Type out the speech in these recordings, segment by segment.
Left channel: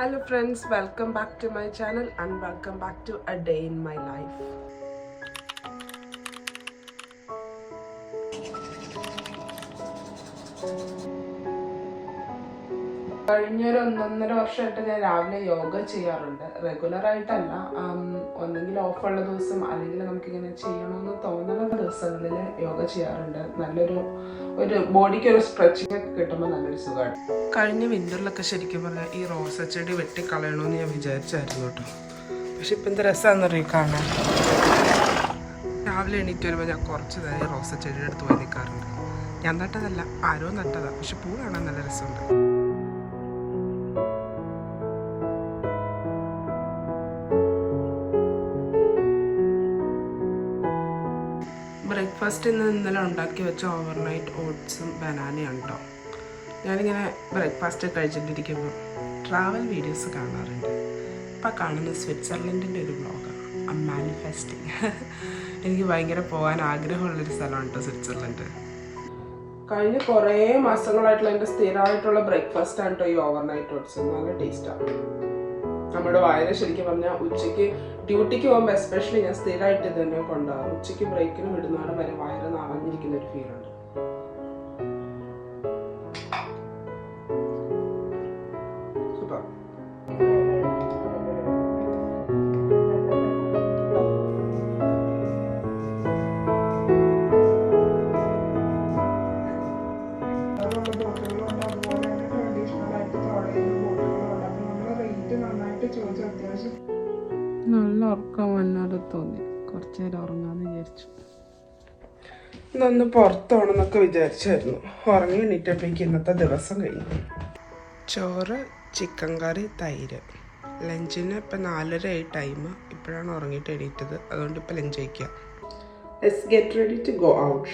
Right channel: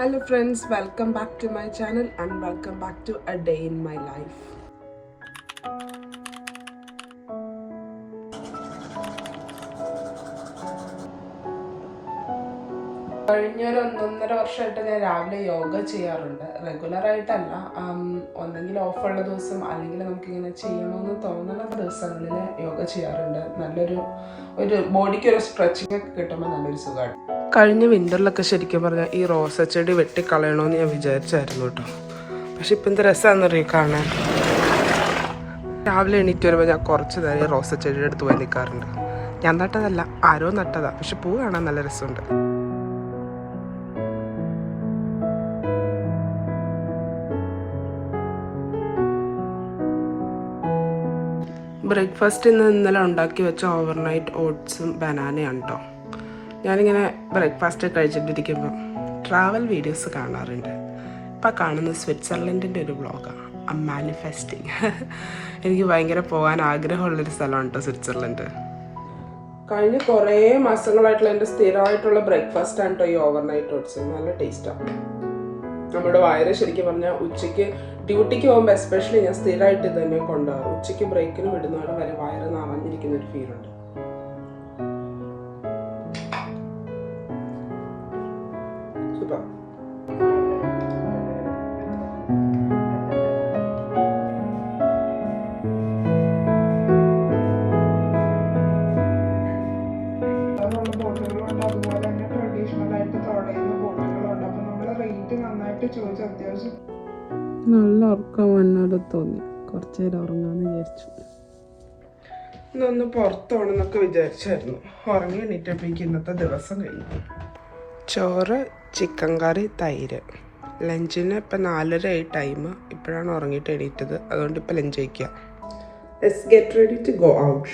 Hello friends, welcome back to my channel and welcome back to a day in my life. കഴിഞ്ഞൊരു 1.5 വർഷമായിട്ട് ഞാൻ രാവിലെ യോഗ ചെയ്യാറുണ്ട്. റെഗുലറായിട്ടല്ല, ഒന്നെങ്കിൽ ഓഫുള്ള ദിവസം അല്ലെങ്കിൽ നമുക്കിങ്ങനെ ചെയ്യണമെന്ന് തോന്നുന്ന ദിവസങ്ങളിൽ യോഗ ചെയ്യാറുണ്ട്. നല്ലൊരു ബോഡിക്കൊരു സ്ട്രെച്ചിങ് ഒക്കെ കിട്ടുമ്പോൾ നല്ലൊരു സുഖമാണ്. കഴിഞ്ഞ വിൻ്ററിലൊക്കെ ശരിക്കും പറഞ്ഞാൽ ഈ റോസ ചെടി വെട്ടിക്കളയണമെന്ന് ഞാൻ വിചാരിച്ചായിരുന്നു കേട്ടോ. പക്ഷെ ഇപ്പം എന്ത് രസമാണെന്നറിയോ കാണാൻ. രാവിലെ എണീറ്റ് വരുമ്പോൾ ഞാൻ കുറച്ച് നേരം ഈ റോസ ചെടിയുടെ അടുത്ത് പോയി നിൽക്കാറുണ്ട്. ഞാൻ നട്ടതല്ല, ആരോ നട്ടതാണ്. പക്ഷെ പൂ കാണാൻ നല്ല രസമുണ്ട്. ബ്രേക്ക്ഫാസ്റ്റ് ഇന്നലെ ഉണ്ടാക്കി വെച്ച ഓവർനൈറ്റ് ഓട്സും ബനാനയാണ് കേട്ടോ. ഞാനിങ്ങനെ ബ്രേക്ക്ഫാസ്റ്റ് കഴിച്ചിട്ടിരിക്കുമ്പോൾ ട്രാവൽ വീഡിയോസ് കാണാറുണ്ട്. ഇപ്പം കാണുന്ന സ്വിറ്റ്സർലൻഡിൻ്റെ ഒരു വ്ളോഗാണ്, മാനിഫെസ്റ്റിങ്. എനിക്ക് ഭയങ്കര പോകാൻ ആഗ്രഹമുള്ളൊരു സ്ഥലമാണ് കേട്ടോ സ്വിറ്റ്സർലൻഡ്. കഴിഞ്ഞ കുറേ മാസങ്ങളായിട്ടുള്ള എൻ്റെ സ്ഥിരമായിട്ടുള്ള ബ്രേക്ക്ഫാസ്റ്റാണ് കേട്ടോ ഈ ഓവർനൈറ്റ് ഓട്സ്. നല്ല ടേസ്റ്റാണ്. നമ്മുടെ വയറ് ശരിക്കും പറഞ്ഞാൽ ഉച്ചയ്ക്ക് ഡ്യൂട്ടിക്ക് പോകുമ്പോൾ എസ്പെഷ്യലി ഞാൻ സ്ഥിരമായിട്ട് ഇത് തന്നെ കൊണ്ടുപോകാറ്. ഉച്ചയ്ക്ക് ബ്രേക്കിന് വിടുന്നാളും വരെ വയറ് നിറഞ്ഞിരിക്കുന്ന ഒരു ഫീലുണ്ട്. സൂപ്പർ. നല്ല ഉറക്കം വന്നാലും തോന്നി, കുറച്ചു നേരം ഉറങ്ങാന്ന് വിചാരിച്ചു. ഇന്നൊന്ന് പുറത്തോണെന്നൊക്കെ വിചാരിച്ചായിരുന്നു. ഉറങ്ങി എണീറ്റപ്പോഴേക്ക് ഇന്നത്തെ ദിവസം കഴിഞ്ഞു. ചോറ്, ചിക്കൻ കറി, തൈര്. ലഞ്ചിന് ഇപ്പം 4:30 ടൈം. ഇപ്പോഴാണ് ഉറങ്ങിയിട്ട് എണീറ്റത്, അതുകൊണ്ട് ഇപ്പം ലഞ്ച് കഴിക്കാം. Let's get ready to go out.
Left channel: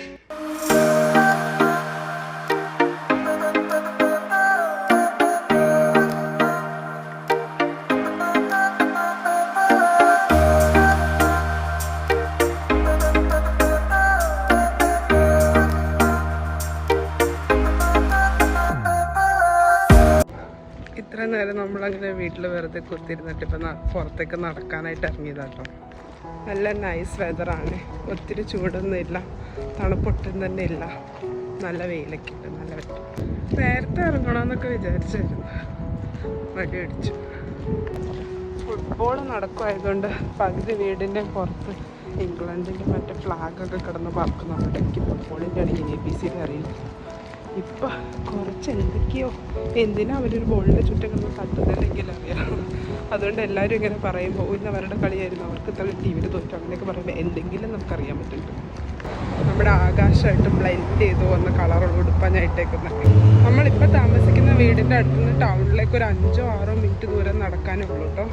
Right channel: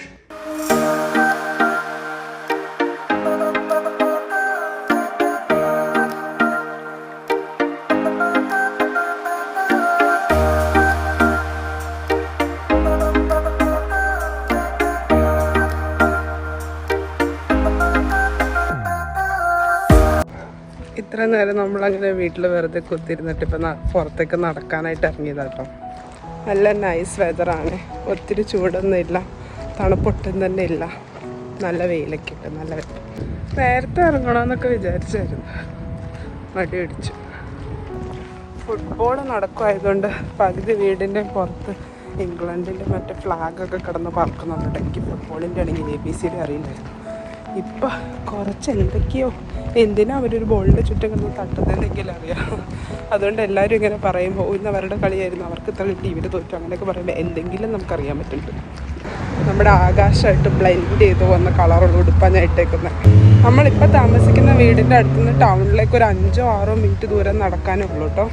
ഇത്ര നേരം നമ്മളങ്ങനെ വീട്ടിൽ വെറുതെ കുത്തിരുന്നിട്ട് ഇപ്പം പുറത്തേക്ക് നടക്കാനായിട്ട് ഇറങ്ങിയതാട്ടോ. നല്ല നൈസ് വെതറാണ്. ഒത്തിരി ചൂടൊന്നും ഇല്ല, തണുപ്പൊട്ടും തന്നെ ഇല്ല. നല്ല വെയിലൊക്കെ ഉണ്ട്, നല്ല വെതർ. നേരത്തെ ഇറങ്ങണമെന്നൊക്കെ വിചാരിച്ചായിരുന്നു, മടി പിടിച്ചു. ഫുട്ബോൾ നടക്കുമായതുകൊണ്ട് പകുതി വീടിൻ്റെ പുറത്ത് ഇംഗ്ലണ്ടിൻ്റെ മറ്റേ ഫ്ലാഗൊക്കെ കിടന്ന് പറക്കുന്നുണ്ട്. എനിക്ക് ഫുട്ബോളിൻ്റെ ആണെങ്കിൽ ABCD അറിയില്ലായിരുന്നു. ഇപ്പം കുറച്ച് എന്തൊക്കെയോ, എന്തിനാ അവരൊരു ബോളിൻ്റെ ചുറ്റും കിടന്ന് തട്ടുന്നതെന്നെങ്കിലും അറിയാം. അതുകൊണ്ട് എല്ലാവരും ഇങ്ങനെ പറയുമ്പോൾ ഇന്ന് അവരുടെ കളിയായിരുന്നു, അവർക്ക് ഇത്ര കിട്ടി, ഇവർ തോറ്റു, അങ്ങനെയൊക്കെ പറയുമ്പോൾ എന്തെങ്കിലും നമുക്കറിയാൻ പറ്റുന്നുണ്ട്. നമ്മുടെ ആകാശമായിട്ട് ബ്ലെൻഡ് ചെയ്ത് വന്ന കളറുള്ള ഉടുപ്പാണ് ഞാൻ ഇട്ടേക്കുന്നത്. നമ്മളിപ്പോൾ താമസിക്കുന്ന വീടിൻ്റെ അടുത്തുനിന്ന് ടൗണിലേക്ക് ഒരു 5-6 മിനിറ്റ് ദൂരം നടക്കാനേ ഉള്ളൂ കേട്ടോ.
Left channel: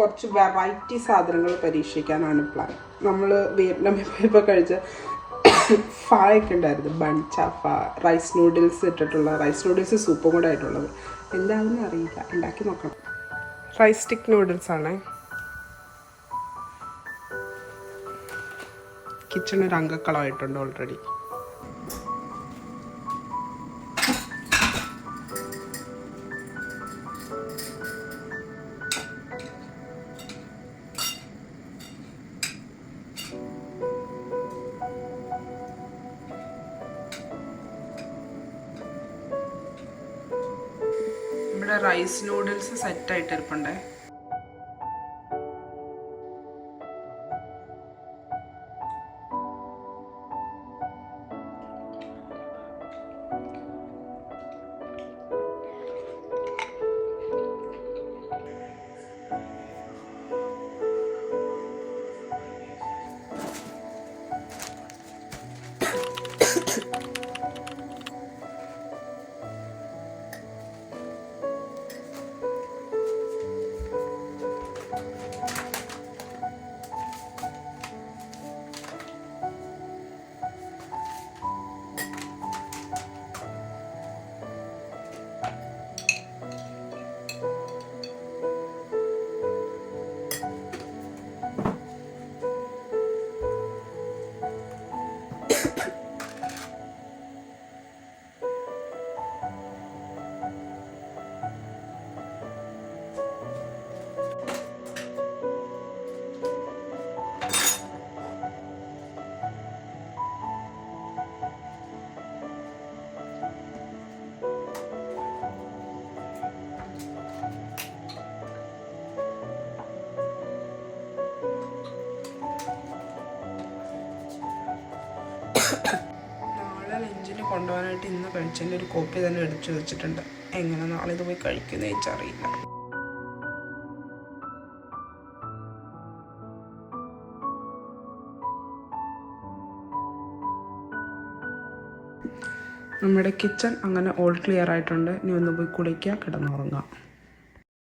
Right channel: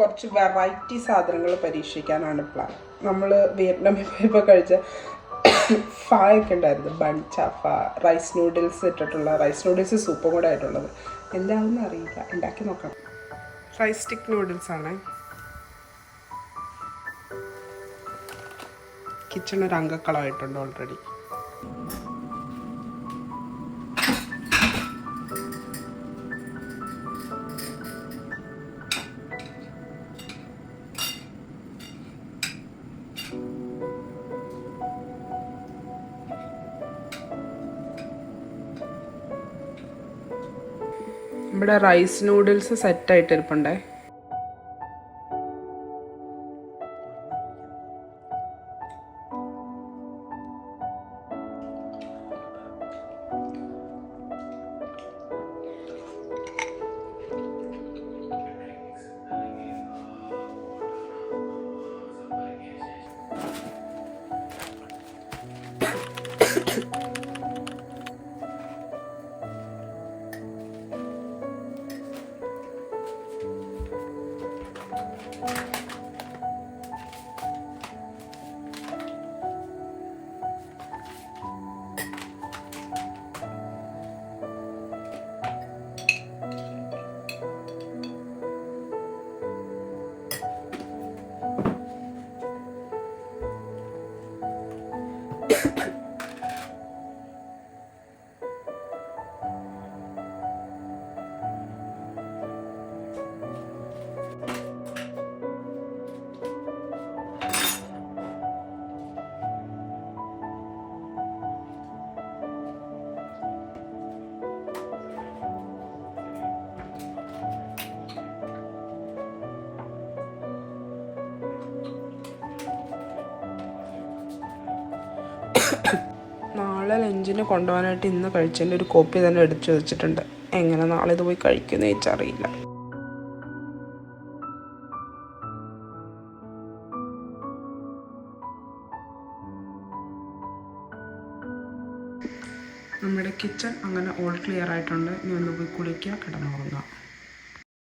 കുറച്ച് വെറൈറ്റി സാധനങ്ങൾ പരീക്ഷിക്കാനാണ് പ്ലാൻ. നമ്മൾ വിയറ്റ്നാമിൽ പോയപ്പോൾ കഴിച്ച ഫായൊക്കെ ഉണ്ടായിരുന്നു, ബൺചാഫ, റൈസ് നൂഡിൽസ് ഇട്ടിട്ടുള്ള, റൈസ് നൂഡിൽസ് സൂപ്പും കൂടെ ആയിട്ടുള്ളത്. എന്താണെന്ന് അറിയില്ല, ഉണ്ടാക്കി നോക്കണം. Rice stick നൂഡിൽസാണ്. കിച്ചൺ ഒരു അംഗക്കളമായിട്ടുണ്ട് ഓൾറെഡി. ഇവിടെ റൈസ് നൂഡിൽസ് സെറ്റായിട്ട് ഇരിപ്പുണ്ടേ. ലഞ്ചിന് കൊണ്ടുപോകാനായിട്ട് ഇന്ന് കഴിച്ചതിൻ്റെ ഒരു കോപ്പി തന്നെ എടുത്തു വെച്ചിട്ടുണ്ട്. എങ്ങനെ നാളെ ഇത് പോയി കഴിക്കുമെന്ന് ചോദിച്ചറിയില്ല. നമ്മുടെ കിച്ചൺ അങ്ങനെ ഓൾ ക്ലിയർ ആയിട്ടുണ്ട്. ഇനി ഒന്ന് പോയി കുളിക്കുക, കിടന്നുറങ്ങാം.